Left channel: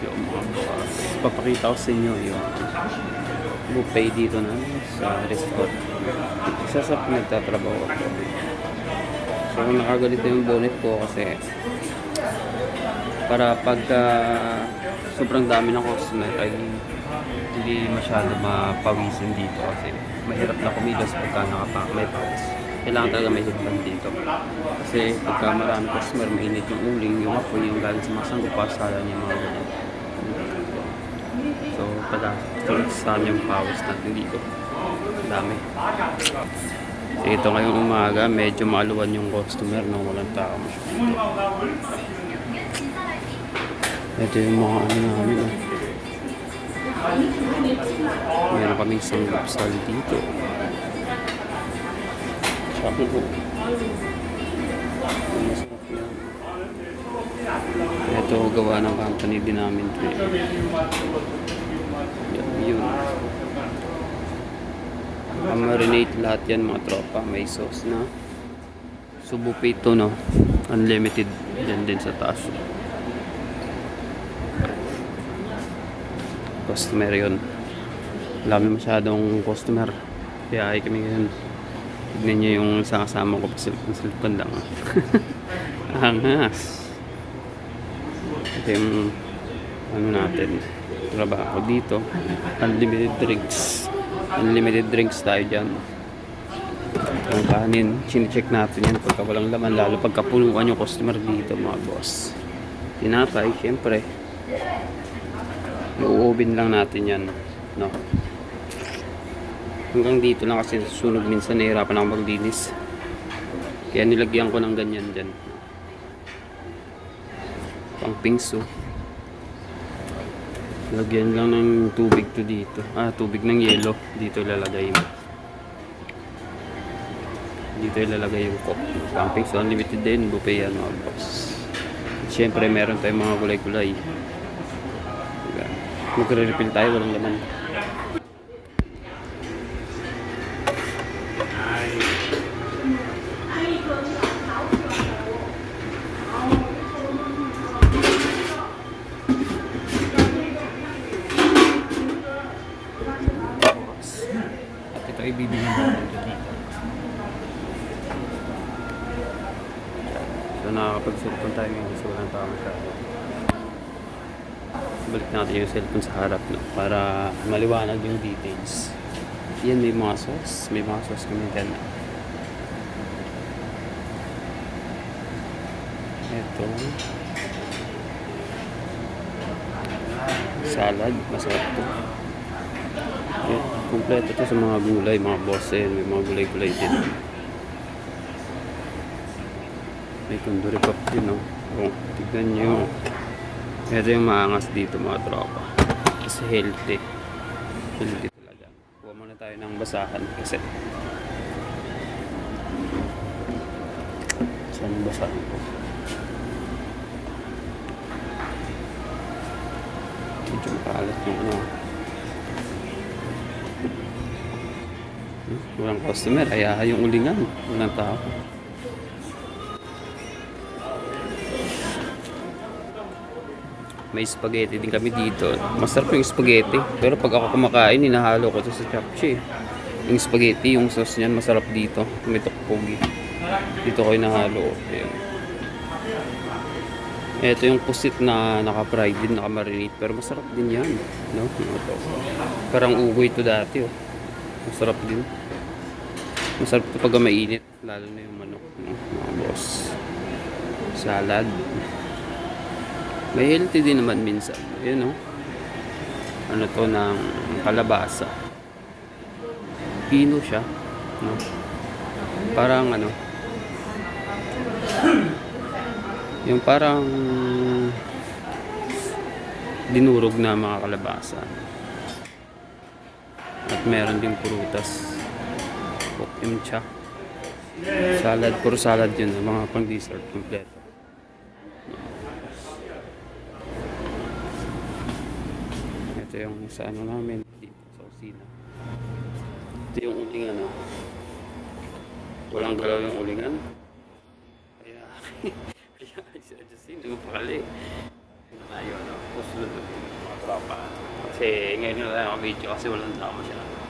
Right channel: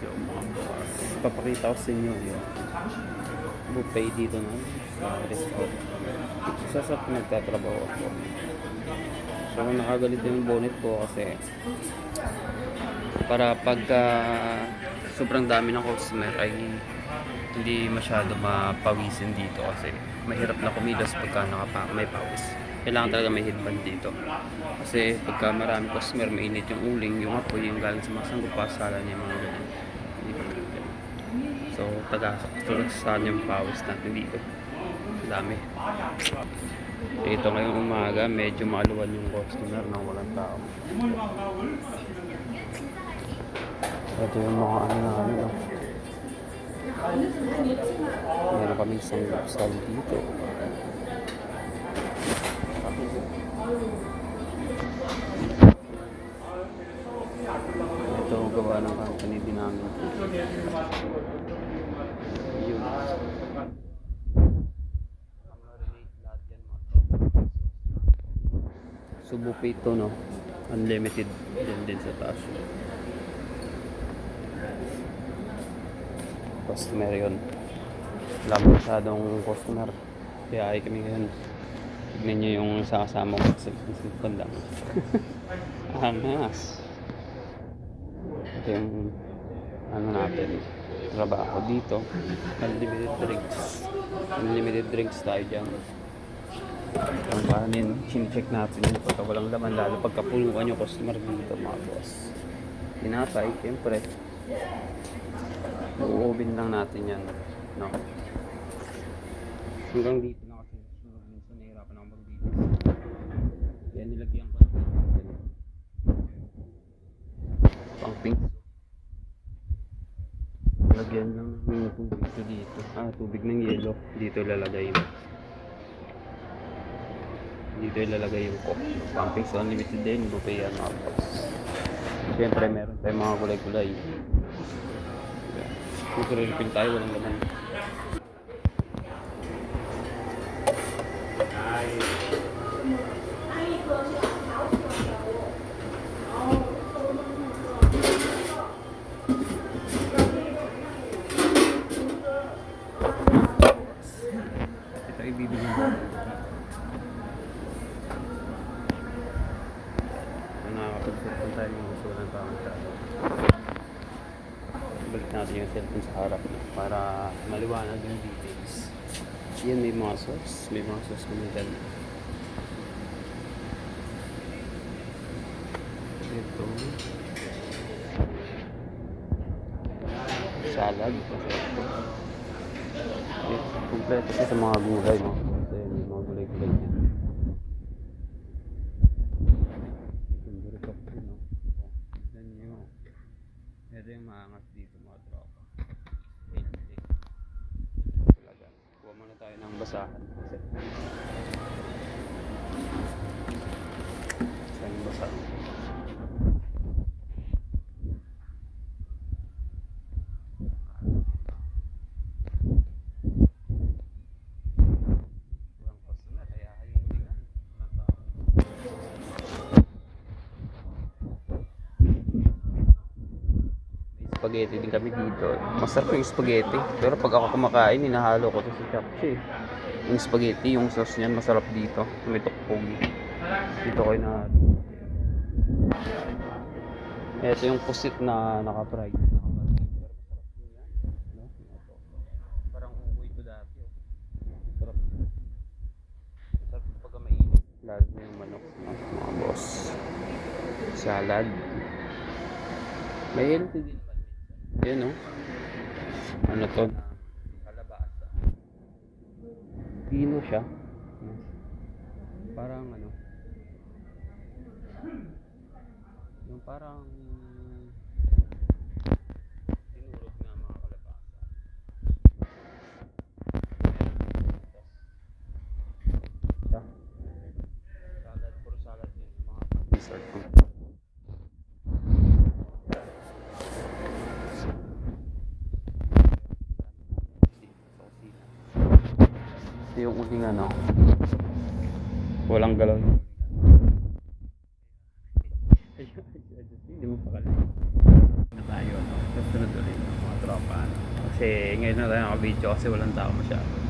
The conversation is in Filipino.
Yung mga bukas. Papakita ko sa inyo yung buffet dito na sa resort. Isa sa pinagtatrabaho ako. So nakagalito yung bonnet ko kasi para pagka sobrang dami ng customer ay hindi masyado mapawisin dito kasi mahirap na kumilos pagka may pawis. Kailangan talaga may headband dito. Kasi pagka marami customer, mainit yung uling, yung apoy, yung galing sa mga sanggupa, sala niya mga ganyan. So, saan yung pawis natin dito. Dami. So, ito ngayong umaga, medyo maaluwan yung customer, no? Walang tao. Ito yung mga ano namin. Meron kaming sanggupsal dito. Sabi ko. Ito gawa ng company din namin. Yun. Marinate lahat yan mga tropa. May sauce na. Subo pito, no? Unlimited din sa taas. Customer yun. Wala masyadong customer. Kaya ay kami ngayon. Tignan nyo yung kasama ko. Silpan lang. Angas. Ito yung ano natin. Trabaho dito. Unlimited drinks. Unlimited drinks tayo dyan. Ang kanin, sinicheck natin yan pagka walang laman, lalo pagka punuan yung customer dito mga boss. Tinapay, syempre i-oven lang natin yan, no? Hanggang dito lang kasi sunog minsan, nahihirapan ako maglinis, kaya nilagyan ko ng ganyan dyan, pang pingso. Lagyan lang ng tubig to dito, tubig ng yelo dito ilalagay mo. Dito ilalagay yung coke. Pumping, so unlimited din. Buffet yan mga boss. Siyempre meron tayong mga gulay-gulay. Magre-refill tayo, walang laman. At ito ibibigyan natin dito. So nakakapag-cellphone tayo ngayon kasi walang tao masyado. Balik natin yung cellphone sa harap, no? Para maliwanag yung details. Yan, may mga sauce. May mga sauce kami dyan. Ito. Salad. Masarap to. Kompleto to sa mga gulay, mga boss. May mga gulay-gulay din. May kunduri pop din, no? Tignan nyo. Ito yung maangas dito mga tropa. Kasi healthy. Healthy talaga. Kuha muna tayo ng basahan kasi. Saan basahan ko? Medyo makalat yung ano. Walang customer. Ayaha yung ulingan. Walang tao. May spaghetti din kami dito. Masarap yung spaghetti. Pero pag ako kumakain, hinahalo ko ito sa japchae. Yung spaghetti, yung sauce niyan, masarap dito. May tokpogi. Dito ko hinahalo. Ito yung pusit na naka-fried din, naka-marinate. Pero masarap din yan. No? Ito. Parang ugoy ito dati. Oh. Masarap din. Masarap ito pag mainit. Lalo na yung manok. No? Mga boss. Salad. May healthy din naman minsan. Ayan, no? Ano to ng kalabasa. Pino siya. No? Parang ano. Yung parang dinurog na mga kalabasa. At meron ding prutas. Imcha. Salad. Puro salad yun. Mga pang dessert. Kompleto. Sa ano namin dito sa kusina. Ito yung ulingan, no? Walang galaw yung ulingan. Kaya si Justin, hindi mo pakali. Tayo, no? Susunod ulit, mga tropa, ano? Kasi ngayon na lang ako video kasi walang tao masyado.